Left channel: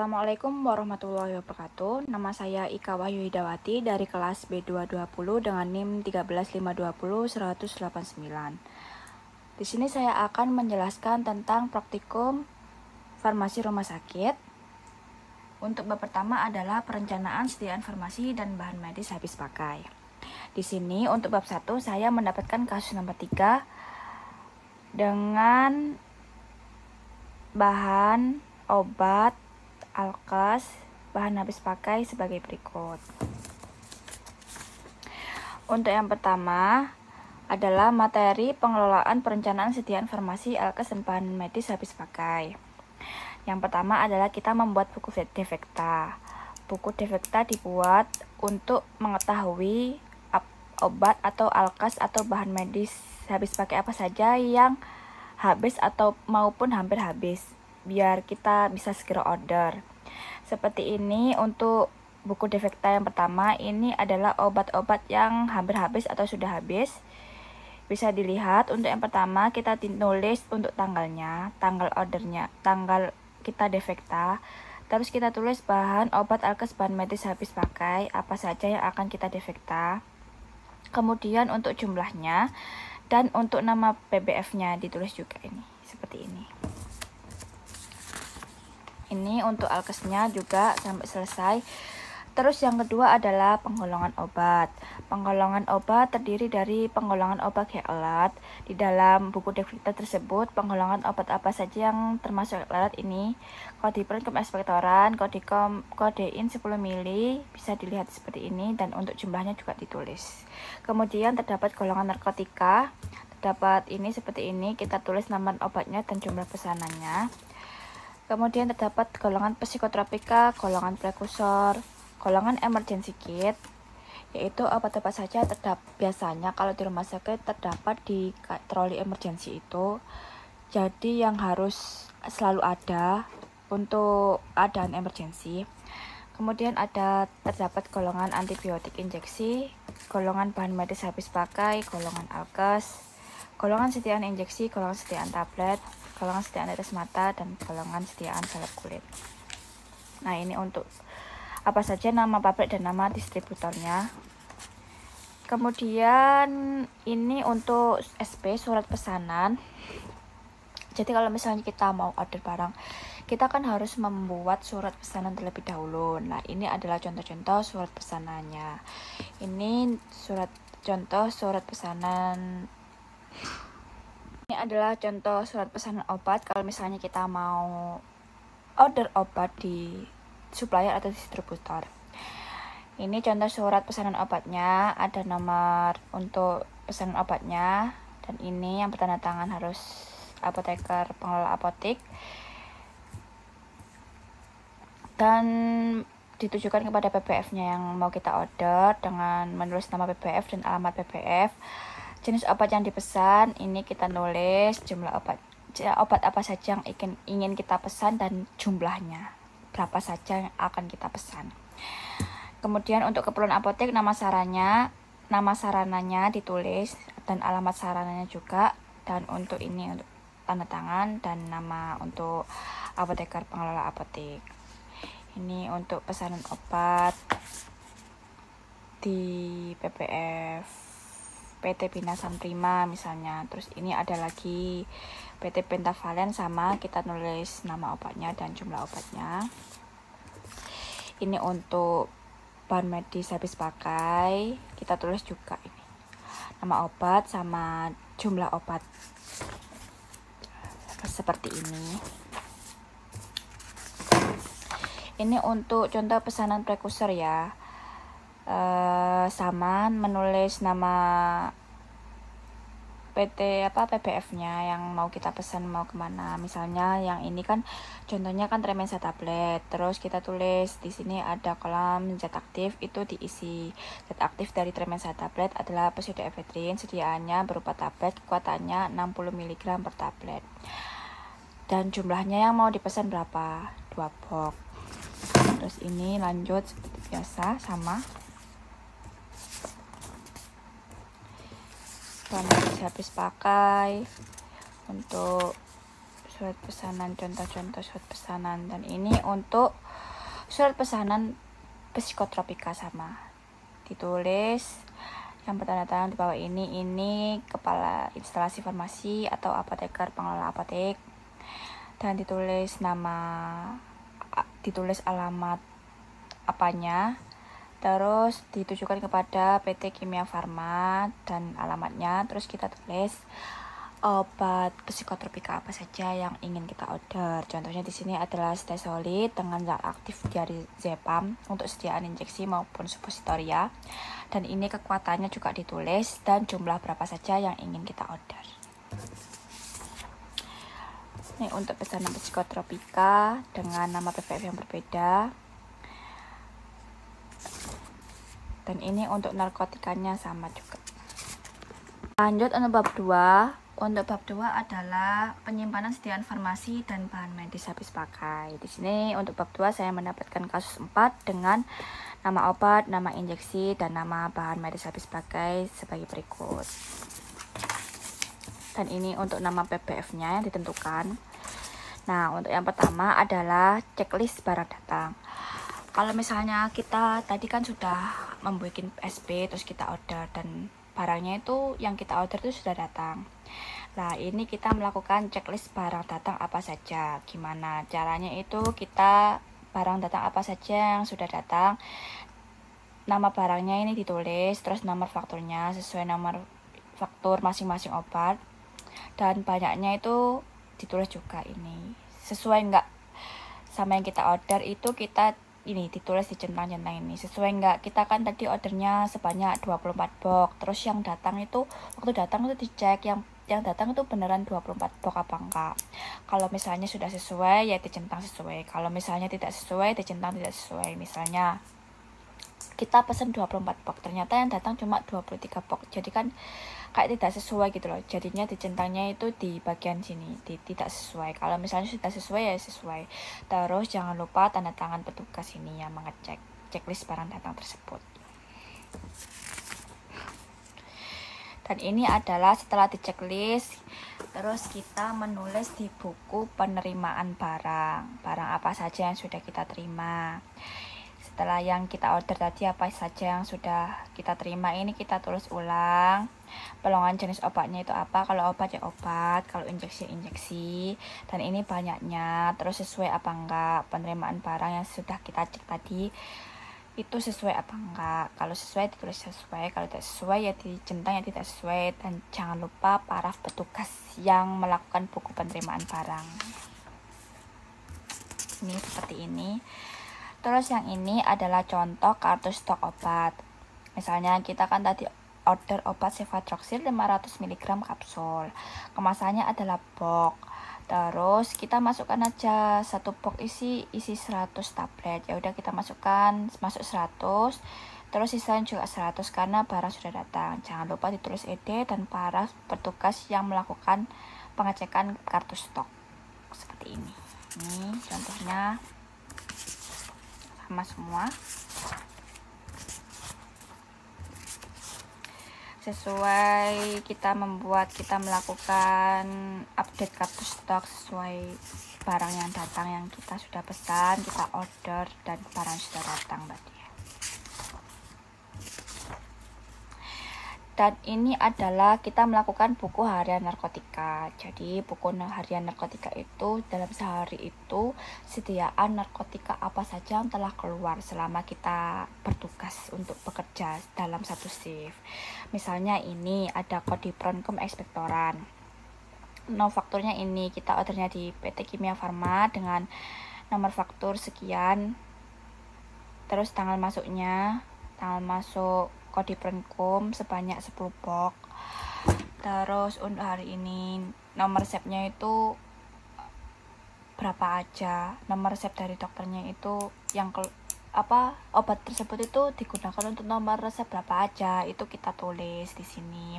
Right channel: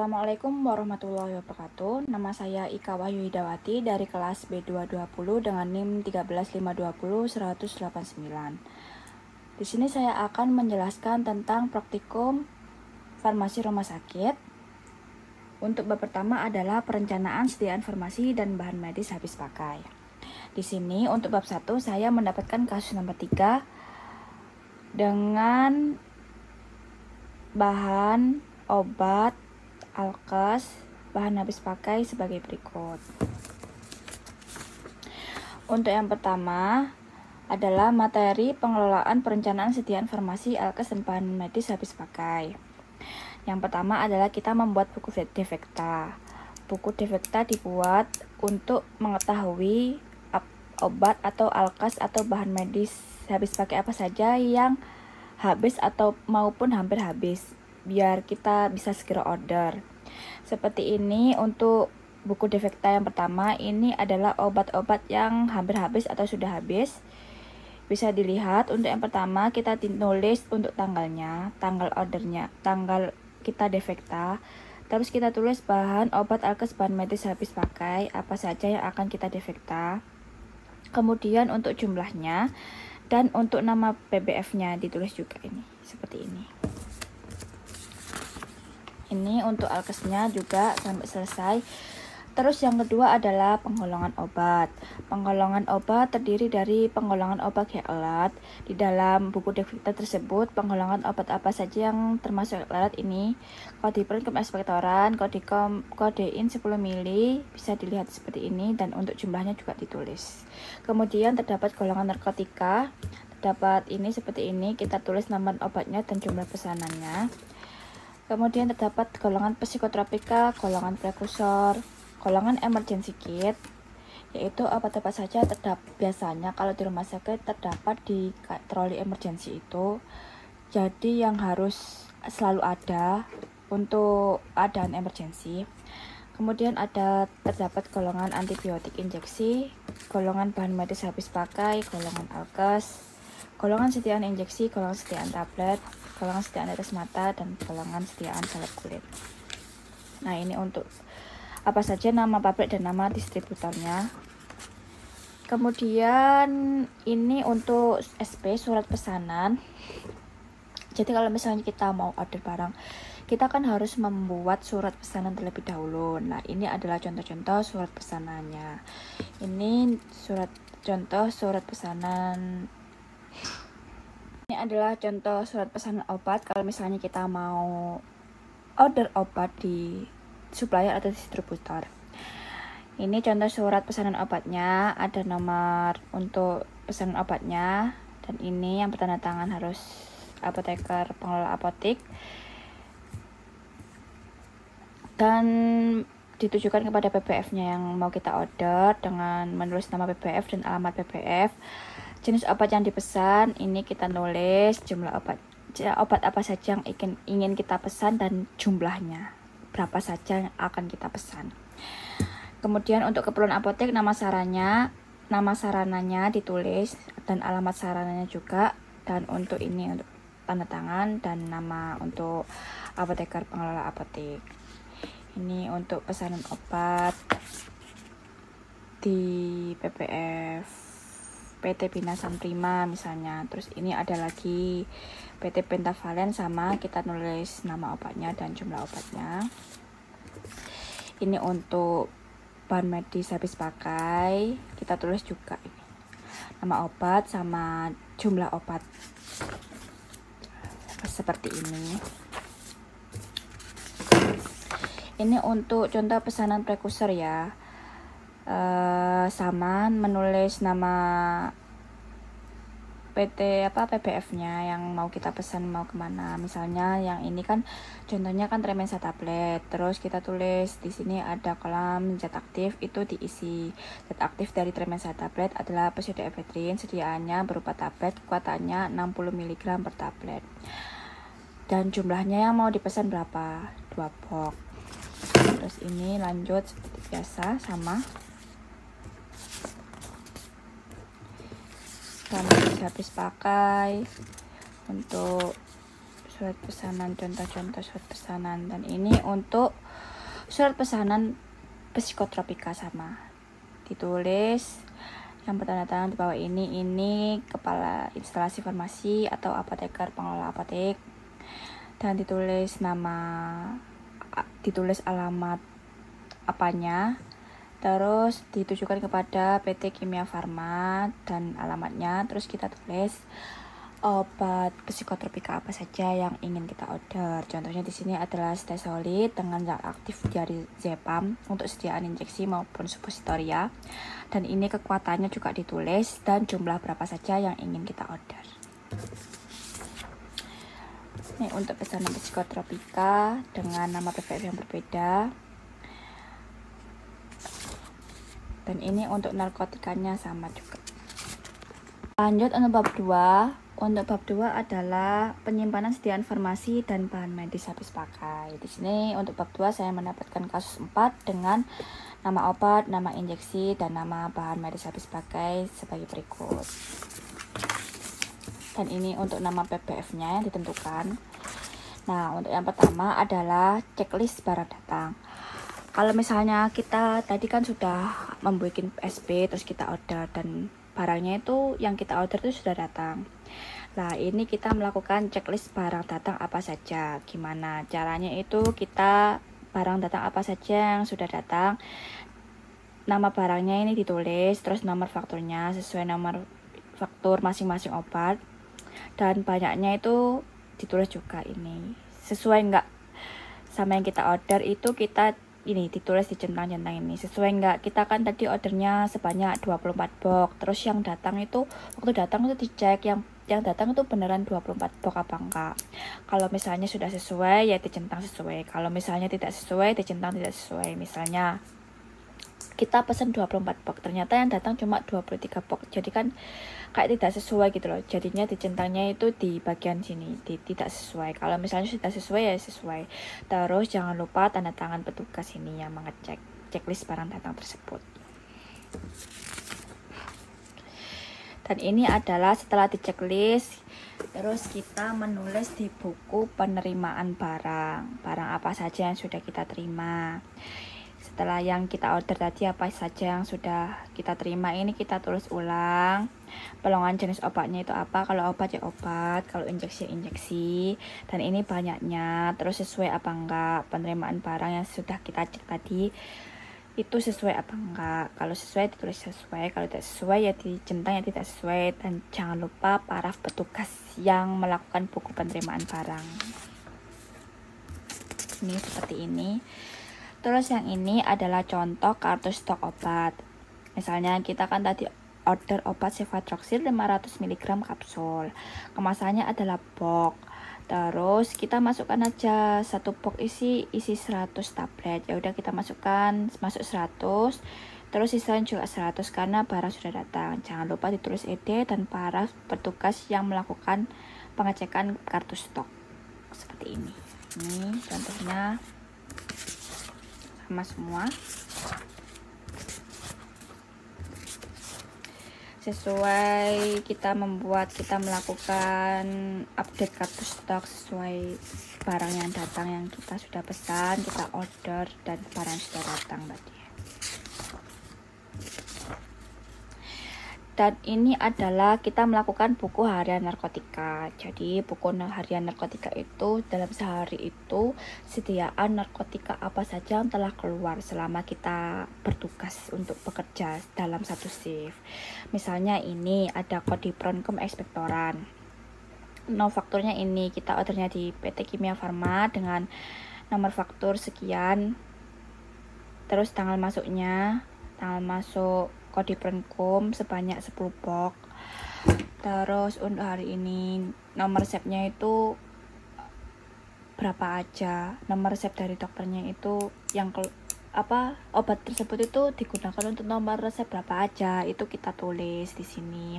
Assalamualaikum warahmatullahi wabarakatuh. Nama saya Ika Wahyu Hidawati dari kelas B220 dengan NIM 13520-189. Di sini saya akan menjelaskan tentang praktikum farmasi rumah sakit. Untuk bab pertama adalah perencanaan sediaan farmasi dan bahan medis habis pakai. Di sini untuk bab 1 saya mendapatkan kasus nomor 3 dengan bahan obat alkes bahan habis pakai sebagai berikut. Untuk yang pertama adalah materi pengelolaan perencanaan sediaan farmasi alkes dan bahan medis habis pakai. Yang pertama adalah kita membuat buku defekta. Buku defekta dibuat untuk mengetahui obat atau alkes atau bahan medis habis pakai apa saja yang habis atau maupun hampir habis, biar kita bisa segera order. Seperti ini untuk buku defekta yang pertama, ini adalah obat-obat yang hampir habis atau sudah habis. Bisa dilihat untuk yang pertama kita tulis untuk tanggalnya, tanggal ordernya, tanggal kita defekta. Terus kita tulis bahan obat alkes bahan medis habis pakai apa saja yang akan kita defekta. Kemudian untuk jumlahnya dan untuk nama PBF-nya ditulis juga ini, seperti ini. Ini untuk alkesnya juga sampai selesai. Terus yang kedua adalah penggolongan obat. Penggolongan obat terdiri dari penggolongan obat alat. Di dalam buku defekta tersebut, penggolongan obat apa saja yang termasuk alat ini. Kodipren ekspektoran, kodein 10 ml, bisa dilihat seperti ini, dan untuk jumlahnya juga ditulis. Kemudian terdapat golongan narkotika. Terdapat ini seperti ini, kita tulis nama obatnya dan jumlah pesanannya. Kemudian terdapat golongan psikotropika, golongan prekursor, golongan emergency kit, yaitu obat-obat saja biasanya kalau di rumah sakit terdapat di troli emergency itu. Jadi yang harus selalu ada untuk keadaan emergency. Kemudian terdapat golongan antibiotik injeksi, golongan bahan medis habis pakai, golongan alkes, golongan sediaan injeksi, golongan sediaan tablet, golongan sediaan tetes mata, dan golongan sediaan salep kulit. Nah, ini untuk apa saja nama pabrik dan nama distributornya. Kemudian ini untuk SP, surat pesanan. Jadi kalau misalnya kita mau order barang, kita kan harus membuat surat pesanan terlebih dahulu. Nah, ini adalah contoh-contoh surat pesanannya. Ini contoh surat pesanan. Ini adalah contoh surat pesanan obat kalau misalnya kita mau order obat di supplier atau distributor. Ini contoh surat pesanan obatnya, ada nomor untuk pesanan obatnya, dan ini yang bertanda tangan harus apoteker pengelola apotek, dan ditujukan kepada PBF-nya yang mau kita order dengan menulis nama PBF dan alamat PBF. Jenis obat yang dipesan, ini kita nulis jumlah obat apa saja yang ingin kita pesan dan jumlahnya berapa saja yang akan kita pesan. Kemudian untuk keperluan apotek, nama sarananya ditulis dan alamat sarananya juga, dan untuk ini untuk tanda tangan dan nama untuk apoteker pengelola apotek. Ini untuk pesanan obat di PBF PT Binasam Prima misalnya. Terus ini ada lagi PT Pentavalen, sama kita nulis nama obatnya dan jumlah obatnya. Ini untuk bahan medis habis pakai, kita tulis juga ini nama obat sama jumlah obat seperti ini. Ini untuk contoh pesanan prekursor ya. Sama menulis nama PBF-nya yang mau kita pesan mau kemana. Misalnya yang ini kan contohnya kan Tremensa tablet. Terus kita tulis di sini ada kolom zat aktif, itu diisi. Zat aktif dari Tremensa tablet adalah pseudoephedrine, sediaannya berupa tablet, kekuatannya 60 mg per tablet. Dan jumlahnya yang mau dipesan berapa? 2 box. Terus ini lanjut seperti biasa sama. Dan habis pakai untuk surat pesanan, contoh-contoh surat pesanan. Dan ini untuk surat pesanan psikotropika sama. Ditulis yang bertanda tangan di bawah ini kepala instalasi farmasi atau apoteker pengelola apotek. Dan ditulis alamat apanya. Terus ditujukan kepada PT Kimia Farma dan alamatnya. Terus kita tulis obat psikotropika apa saja yang ingin kita order. Contohnya di sini adalah Stesolid dengan zat aktif dari Zepam untuk sediaan injeksi maupun suppositoria. Dan ini kekuatannya juga ditulis dan jumlah berapa saja yang ingin kita order. Ini untuk pesanan psikotropika dengan nama PPF yang berbeda. Dan ini untuk narkotikanya sama juga. Lanjut untuk bab 2. Untuk bab 2 adalah penyimpanan sediaan farmasi dan bahan medis habis pakai. Di sini untuk bab 2 saya mendapatkan kasus 4 dengan nama obat, nama injeksi, dan nama bahan medis habis pakai sebagai berikut. Dan ini untuk nama PPF-nya yang ditentukan. Nah, untuk yang pertama adalah checklist barang datang. Kalau misalnya kita tadi kan sudah membuat SP, terus kita order dan barangnya itu yang kita order itu sudah datang. Nah, ini kita melakukan checklist barang datang apa saja. Gimana caranya itu kita barang datang apa saja yang sudah datang. Nama barangnya ini ditulis, terus nomor fakturnya sesuai nomor faktur masing-masing obat. Dan banyaknya itu ditulis juga ini. Sesuai enggak sama yang kita order itu kita ini ditulis di centang-centang ini. Sesuai enggak? Kita kan tadi ordernya sebanyak 24 box. Terus yang datang itu waktu datang itu dicek yang datang itu beneran 24 box apa enggak. Kalau misalnya sudah sesuai ya dicentang sesuai. Kalau misalnya tidak sesuai dicentang tidak sesuai. Misalnya kita pesen 24 box, ternyata yang datang cuma 23 box. Jadi kan kayak tidak sesuai gitu loh. Jadinya dicentangnya itu di bagian sini, tidak sesuai. Kalau misalnya sudah sesuai ya sesuai. Terus jangan lupa tanda tangan petugas ini yang mengecek checklist barang datang tersebut. Dan ini adalah setelah di checklist, terus kita menulis di buku penerimaan barang apa saja yang sudah kita terima. Setelah yang kita order tadi apa saja yang sudah kita terima, ini kita tulis ulang. Pelongan jenis obatnya itu apa, kalau obat ya obat, kalau injeksi ya injeksi. Dan ini banyaknya, terus sesuai apa enggak, penerimaan barang yang sudah kita cek tadi itu sesuai apa enggak. Kalau sesuai ditulis sesuai, kalau tidak sesuai ya dicentang ya tidak sesuai. Dan jangan lupa paraf petugas yang melakukan buku penerimaan barang. Ini seperti ini. Terus yang ini adalah contoh kartu stok obat. Misalnya kita kan tadi order obat Cefadroxil 500 mg kapsul. Kemasannya adalah box. Terus kita masukkan aja satu box isi 100 tablet. Ya udah kita masuk 100. Terus sisanya juga 100 karena barang sudah datang. Jangan lupa ditulis ED dan paraf petugas yang melakukan pengecekan kartu stok. Seperti ini. Ini contohnya sama semua. Sesuai kita melakukan update kartu stok sesuai barang yang datang yang kita sudah pesan, kita order dan barang sudah datang tadi. Dan ini adalah kita melakukan buku harian narkotika. Jadi buku harian narkotika itu dalam sehari itu sediaan narkotika apa saja yang telah keluar selama kita bertugas untuk bekerja dalam satu shift. Misalnya ini ada Codiproncum expectorant. Fakturnya ini kita ordernya di PT Kimia Farma dengan nomor faktur sekian. Terus tanggal masuknya, tanggal masuk Codiproncum sebanyak 10 box. Terus untuk hari ini nomor resepnya itu berapa aja, nomor resep dari dokternya itu yang obat tersebut itu digunakan untuk nomor resep berapa aja, itu kita tulis di sini.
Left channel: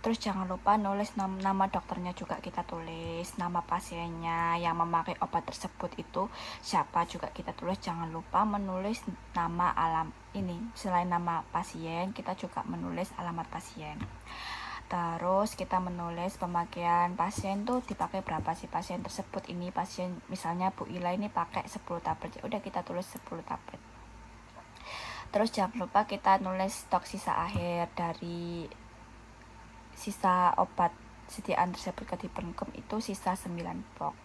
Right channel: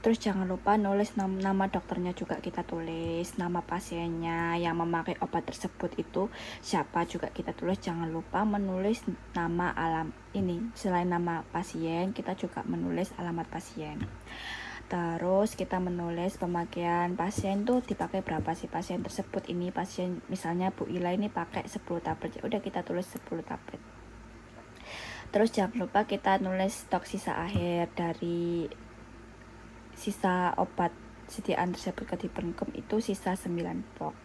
Terus jangan lupa nulis nama dokternya juga kita tulis, nama pasiennya yang memakai obat tersebut itu siapa juga kita tulis. Jangan lupa menulis nama selain nama pasien kita juga menulis alamat pasien. Terus kita menulis pemakaian pasien tuh dipakai berapa sih pasien tersebut. Ini pasien misalnya Bu Ila ini pakai 10 tablet, udah kita tulis 10 tablet. Terus jangan lupa kita nulis stok sisa akhir dari sisa obat sediaan tersebut ke Dipenkum itu sisa 9 box.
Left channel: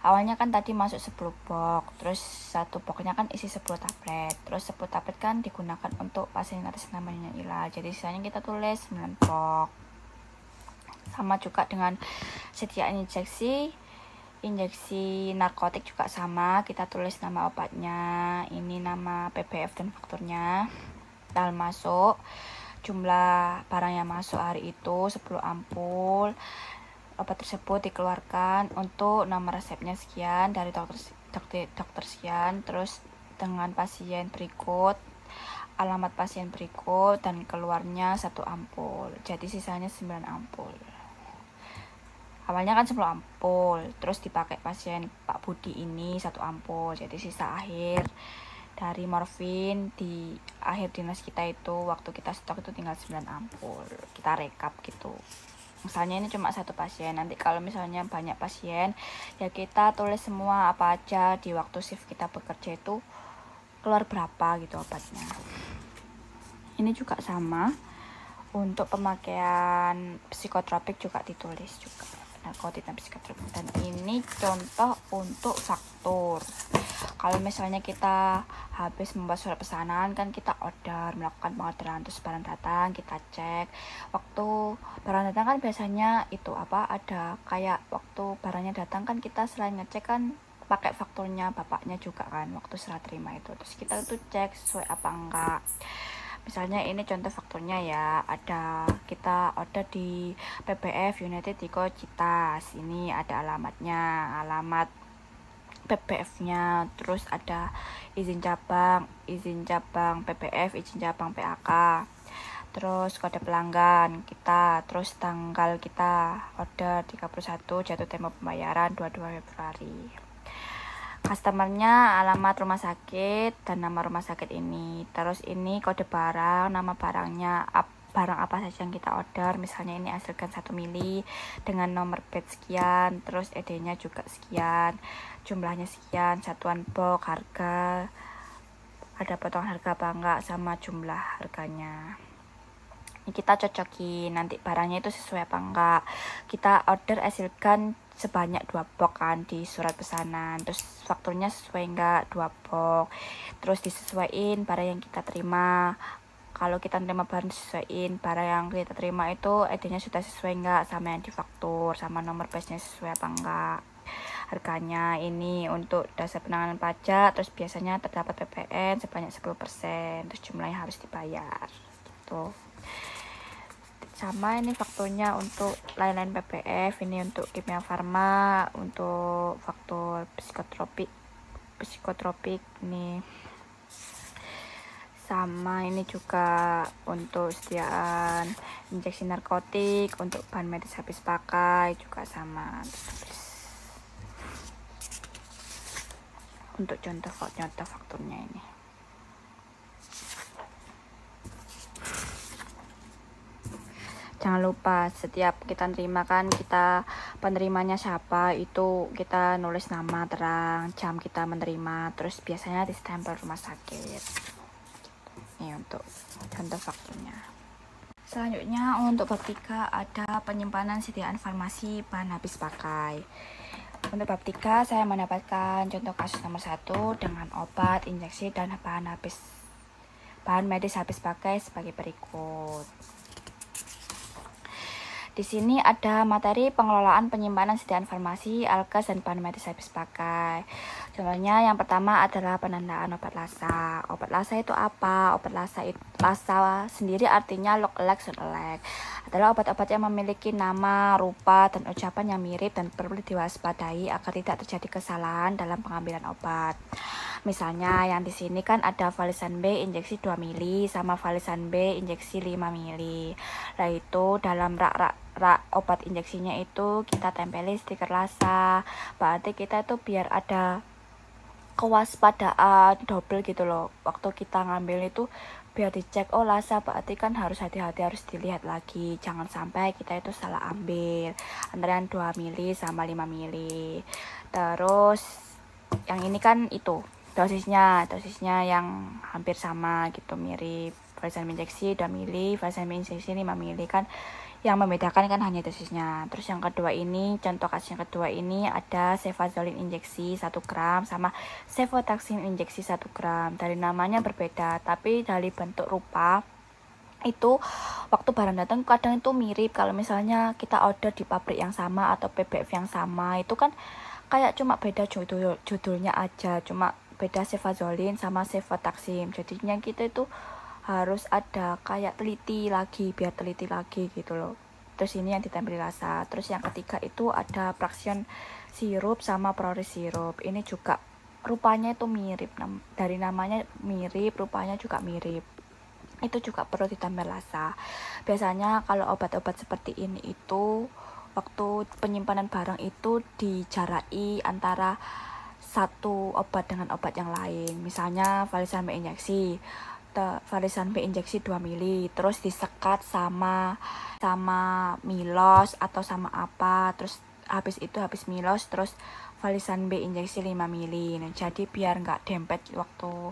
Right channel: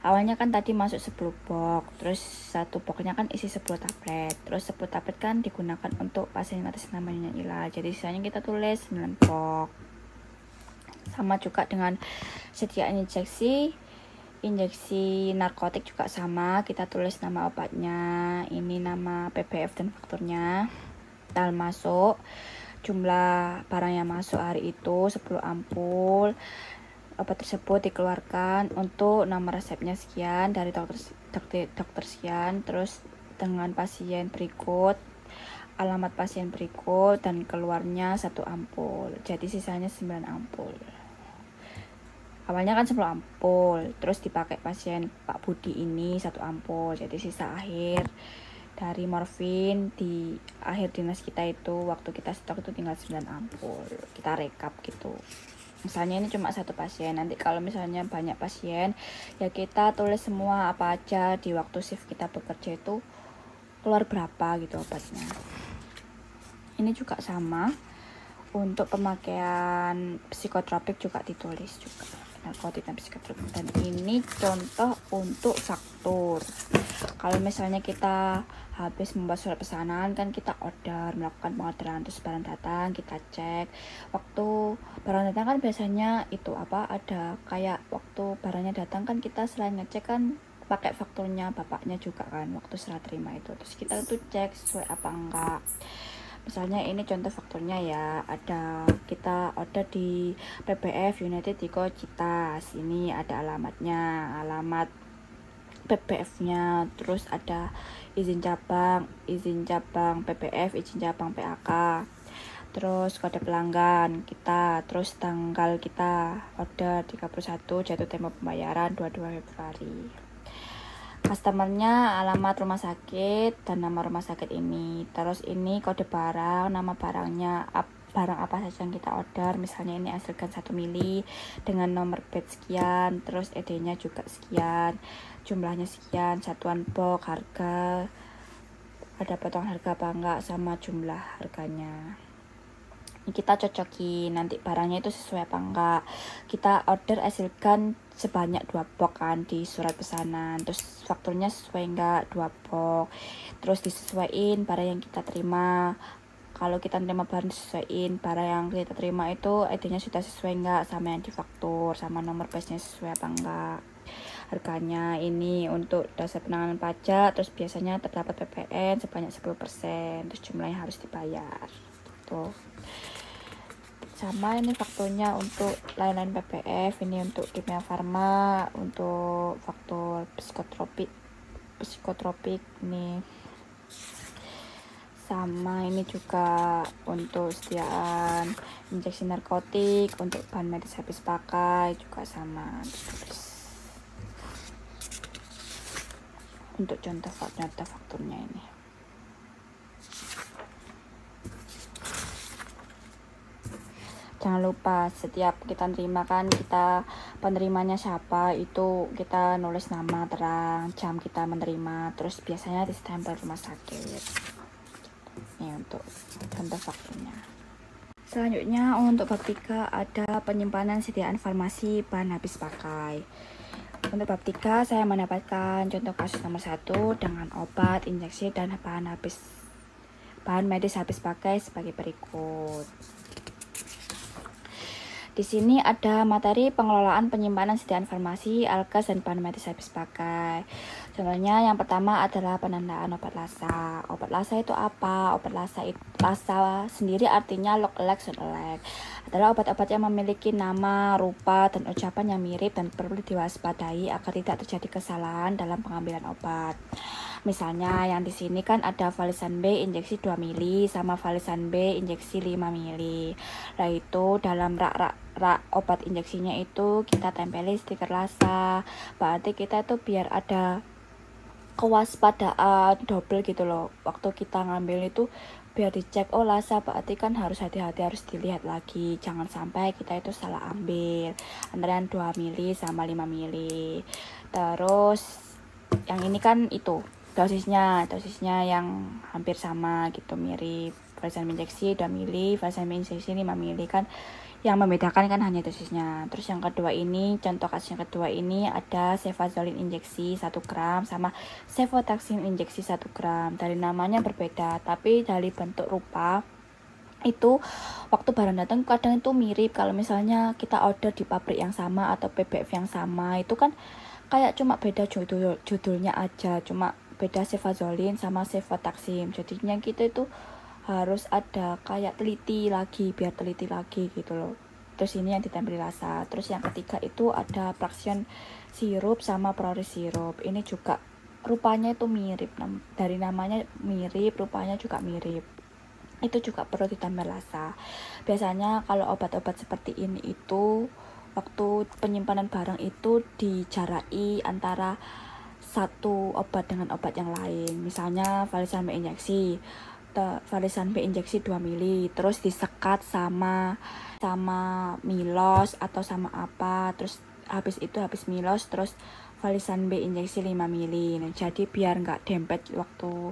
Awalnya kan tadi masuk 10 box, terus satu boxnya kan isi 10 tablet. Terus 10 tablet kan digunakan untuk pasien atas namanya Ila, jadi sisanya kita tulis 9 box. Sama juga dengan sediaan injeksi narkotik juga sama, kita tulis nama obatnya, ini nama PBF dan fakturnya, tanggal masuk, jumlah barang yang masuk hari itu 10 ampul. Obat tersebut dikeluarkan untuk nama resepnya sekian dari dokter sekian, terus dengan pasien berikut, alamat pasien berikut, dan keluarnya 1 ampul, jadi sisanya 9 ampul. Awalnya kan 10 ampul, terus dipakai pasien Pak Budi ini 1 ampul, jadi sisa akhir dari morfin di akhir dinas kita itu waktu kita stok itu tinggal 9 ampul. Kita rekap gitu. Misalnya ini cuma 1 pasien, nanti kalau misalnya banyak pasien ya kita tulis semua apa aja di waktu shift kita bekerja itu keluar berapa gitu obatnya. Ini juga sama untuk pemakaian psikotropik juga ditulis juga, narkotik dan psikotropik. Dan ini contoh untuk faktur. Kalau misalnya kita habis membuat surat pesanan kan kita melakukan pengorderan, terus barang datang kita cek. Waktu barang datang kan biasanya itu ada kayak waktu barangnya datang kan kita selain ngecek kan pakai fakturnya bapaknya juga kan waktu serah terima itu, terus kita tuh cek sesuai apa enggak. Misalnya ini contoh fakturnya ya, ada kita order di PBF United Diko Citas, ini ada alamatnya, alamat PBF-nya, terus ada izin cabang PBF, izin cabang PAK, terus kode pelanggan kita, terus tanggal kita order 31, jatuh tempo pembayaran 22 Februari. Customernya alamat rumah sakit dan nama rumah sakit ini, terus ini kode barang, nama barangnya, barang apa saja yang kita order, misalnya ini hasilkan 1 mili dengan nomor batch sekian, terus ED-nya juga sekian, jumlahnya sekian, satuan box, harga, ada potongan harga apa enggak, sama jumlah harganya. Ini kita cocokin nanti barangnya itu sesuai apa enggak. Kita order hasilkan sebanyak 2 box kan di surat pesanan, terus fakturnya sesuai enggak 2 box, terus disesuaiin barang yang kita terima. Kalau kita terima barang disesuaiin, barang yang kita terima itu ED-nya sudah sesuai enggak sama yang difaktur, sama nomor batch-nya sesuai apa enggak. Harganya ini untuk dasar penanganan pajak, terus biasanya terdapat PPN sebanyak 10%, terus jumlahnya harus dibayar gitu. Sama ini fakturnya untuk lain-lain PPF, ini untuk kimia farma, untuk faktur psikotropik ini. Sama ini juga untuk sediaan injeksi narkotik, untuk bahan medis habis pakai juga sama. Untuk contoh fakturnya ini. Jangan lupa setiap kita terima kan kita penerimanya siapa itu kita nulis nama terang, jam kita menerima, terus biasanya di stempel rumah sakit. Ini untuk contoh fakturnya. Selanjutnya untuk bab 3 ada penyimpanan sediaan farmasi bahan habis pakai. Untuk bab 3 saya mendapatkan contoh kasus nomor 1 dengan obat, injeksi, dan bahan medis habis pakai sebagai berikut. Di sini ada materi pengelolaan penyimpanan sediaan farmasi, alkes, dan bahan medis habis pakai. Contohnya yang pertama adalah penandaan obat lasa. Obat lasa itu apa? Obat lasa sendiri artinya look alike, sound alike. Adalah obat-obat yang memiliki nama, rupa, dan ucapan yang mirip dan perlu diwaspadai agar tidak terjadi kesalahan dalam pengambilan obat. Misalnya yang di sini kan ada Valisan B injeksi 2 mili sama Valisan B injeksi 5 mili. Nah itu dalam rak obat injeksinya itu kita tempeli stiker lasa. Berarti kita itu biar ada kewaspadaan double gitu loh waktu kita ngambil itu, biar dicek oh Lhasa berarti kan harus hati-hati, harus dilihat lagi, jangan sampai kita itu salah ambil antara 2 mili sama 5 mili. Terus yang ini kan itu dosisnya yang hampir sama gitu, mirip. Valisan injeksi 2 mili, valisan injeksi 5 mili kan. Yang membedakan kan hanya dosisnya. Terus yang kedua ini, contoh kasus yang kedua ini ada cefazolin injeksi 1 gram sama cefotaxime injeksi 1 gram. Dari namanya berbeda, tapi dari bentuk rupa itu waktu barang datang kadang itu mirip. Kalau misalnya kita order di pabrik yang sama atau PBF yang sama, itu kan kayak cuma beda judulnya aja, cuma beda cefazolin sama cefotaxime. Jadinya kita itu harus ada kayak teliti lagi gitu loh. Terus ini yang ditempel Lhasa. Terus yang ketiga itu ada fraksion sirup sama prores sirup. Ini juga rupanya itu mirip, dari namanya mirip, rupanya juga mirip. Itu juga perlu ditempel Lhasa. Biasanya kalau obat-obat seperti ini itu waktu penyimpanan barang itu dijarai antara satu obat dengan obat yang lain. Misalnya valisan B injeksi, valisan B injeksi 2 mili, terus disekat sama milos atau sama apa, terus habis milos terus valisan B injeksi 5 mili. Nah, jadi biar nggak dempet waktu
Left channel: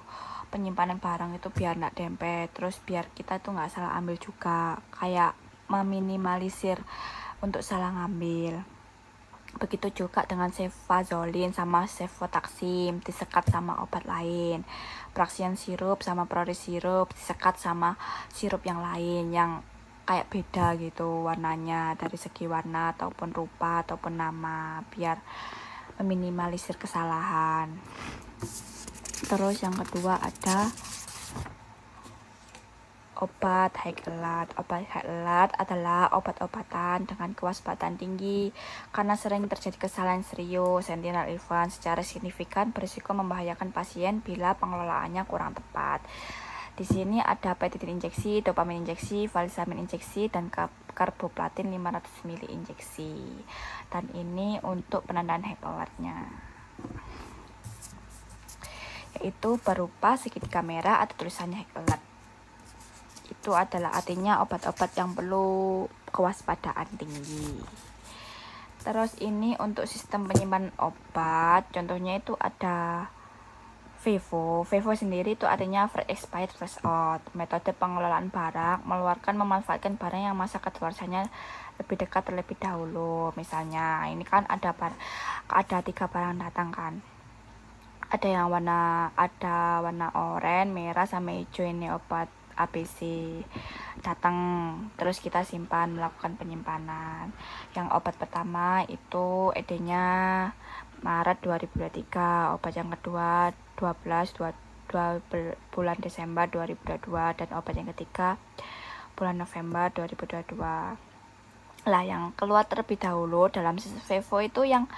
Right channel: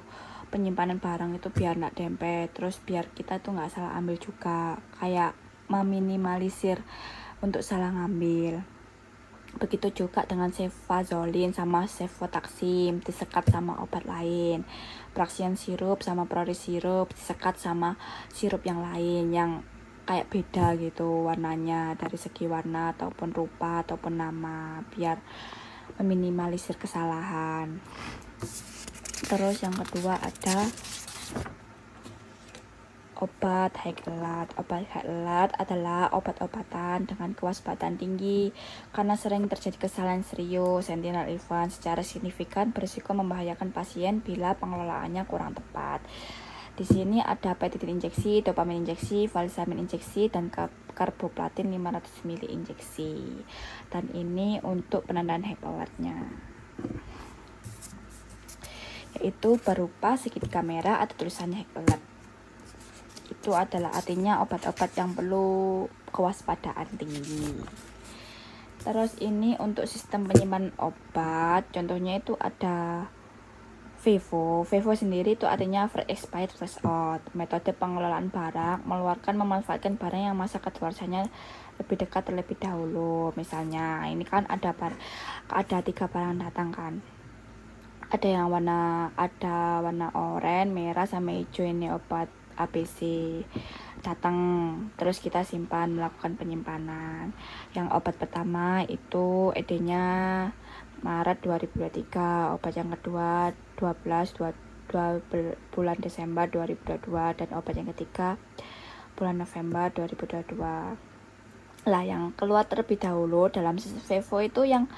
penyimpanan barang itu, biar nggak dempet, terus biar kita itu nggak salah ambil juga, kayak meminimalisir untuk salah ngambil. Begitu juga dengan cefazolin sama cefotaxime disekat sama obat lain, fraksion sirup sama prores sirup disekat sama sirup yang lain yang kayak beda gitu warnanya, dari segi warna ataupun rupa ataupun nama, biar meminimalisir kesalahan. Terus yang kedua ada obat high alert. Obat high alert adalah obat-obatan dengan kewaspadaan tinggi karena sering terjadi kesalahan serius sentinel event secara signifikan berisiko membahayakan pasien bila pengelolaannya kurang tepat. Di sini ada petidin injeksi, dopamin injeksi, valisamin injeksi, dan karboplatin 500 ml injeksi. Dan ini untuk penandaan high alertnya, yaitu berupa segitiga merah atau tulisannya high alert. Itu adalah artinya obat-obat yang perlu kewaspadaan tinggi. Terus ini untuk sistem penyimpanan obat, contohnya itu ada FIFO. FIFO sendiri itu artinya first expired first out. Metode pengelolaan barang memanfaatkan barang yang masa kadaluarsanya lebih dekat terlebih dahulu. Misalnya ini kan ada 3 barang datang kan. Ada yang warna oranye, merah sama hijau. Ini obat ABC datang, terus kita simpan, melakukan penyimpanan. Yang obat pertama itu ED-nya Maret 2023, obat yang kedua 2 bulan Desember 2022, dan obat yang ketiga bulan November 2022. Lah yang keluar terlebih dahulu dalam sistem FIFO itu yang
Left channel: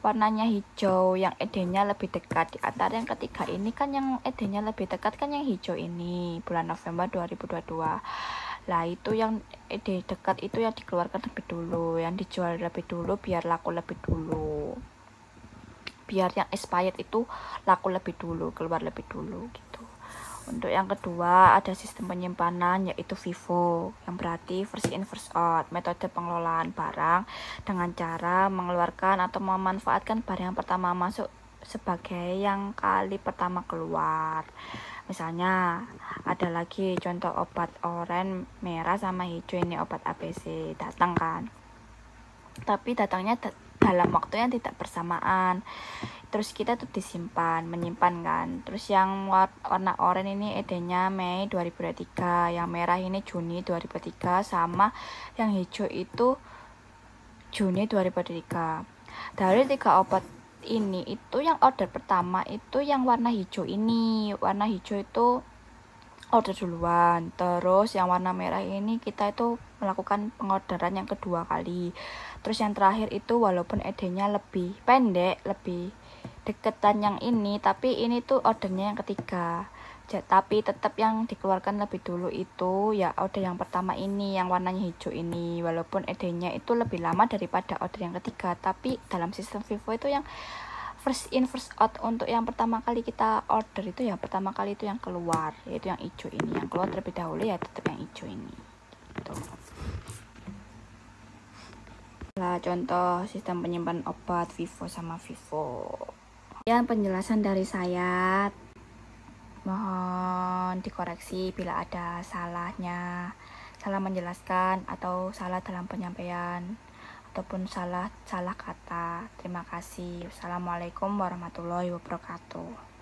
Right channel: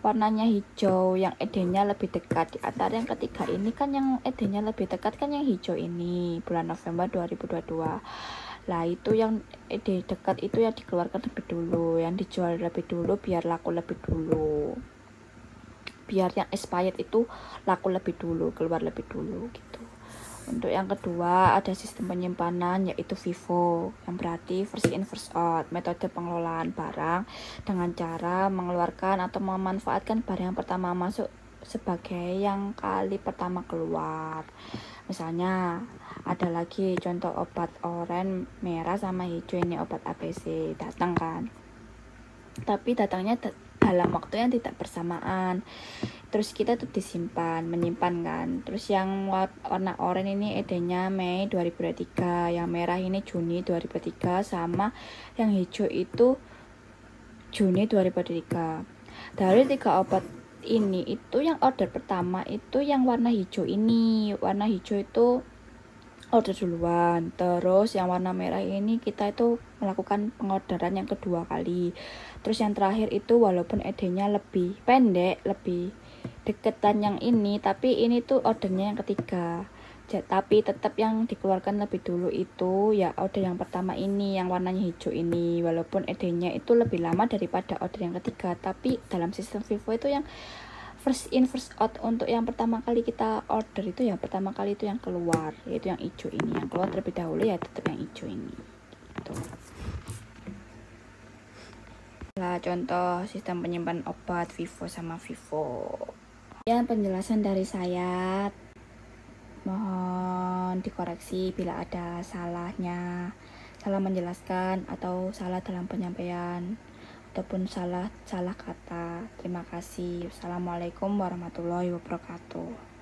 warnanya hijau, yang ED-nya lebih dekat. Di antara yang ketiga ini kan yang ED-nya lebih dekat kan yang hijau ini, bulan November 2022. Lah itu yang ED dekat itu yang dikeluarkan lebih dulu, yang dijual lebih dulu biar laku lebih dulu, biar yang expired itu laku lebih dulu, keluar lebih dulu gitu. Untuk yang kedua ada sistem penyimpanan, yaitu FIFO, yang berarti first in first out. Metode pengelolaan barang dengan cara mengeluarkan atau memanfaatkan barang yang pertama masuk sebagai yang kali pertama keluar. Misalnya ada lagi contoh obat oranye, merah sama hijau, ini obat ABC datang kan, tapi datangnya dalam waktu yang tidak bersamaan. Terus kita tuh menyimpan kan. Terus yang warna oranye ini ED-nya Mei 2023, yang merah ini Juni 2023, sama yang hijau itu Juni 2023. Dari 3 obat ini itu yang order pertama itu yang warna hijau ini. Warna hijau itu order duluan. Terus yang warna merah ini kita itu melakukan pengorderan yang kedua kali. Terus yang terakhir itu walaupun ED-nya lebih pendek, lebih deketan yang ini, tapi ini tuh ordernya yang ketiga. Tapi tetap yang dikeluarkan lebih dulu itu ya order yang pertama ini, yang warnanya hijau ini, walaupun ED-nya itu lebih lama daripada order yang ketiga. Tapi dalam sistem FIFO itu yang first in first out. Untuk yang pertama kali kita order itu, yang pertama kali itu yang keluar, yaitu yang hijau ini. Yang keluar terlebih dahulu ya tetap yang hijau ini gitu. Nah, contoh sistem penyimpanan obat Vivo sama Vivo. Yang penjelasan dari saya, mohon dikoreksi bila ada salahnya, salah menjelaskan atau salah dalam penyampaian ataupun salah kata. Terima kasih. Wassalamualaikum warahmatullahi wabarakatuh.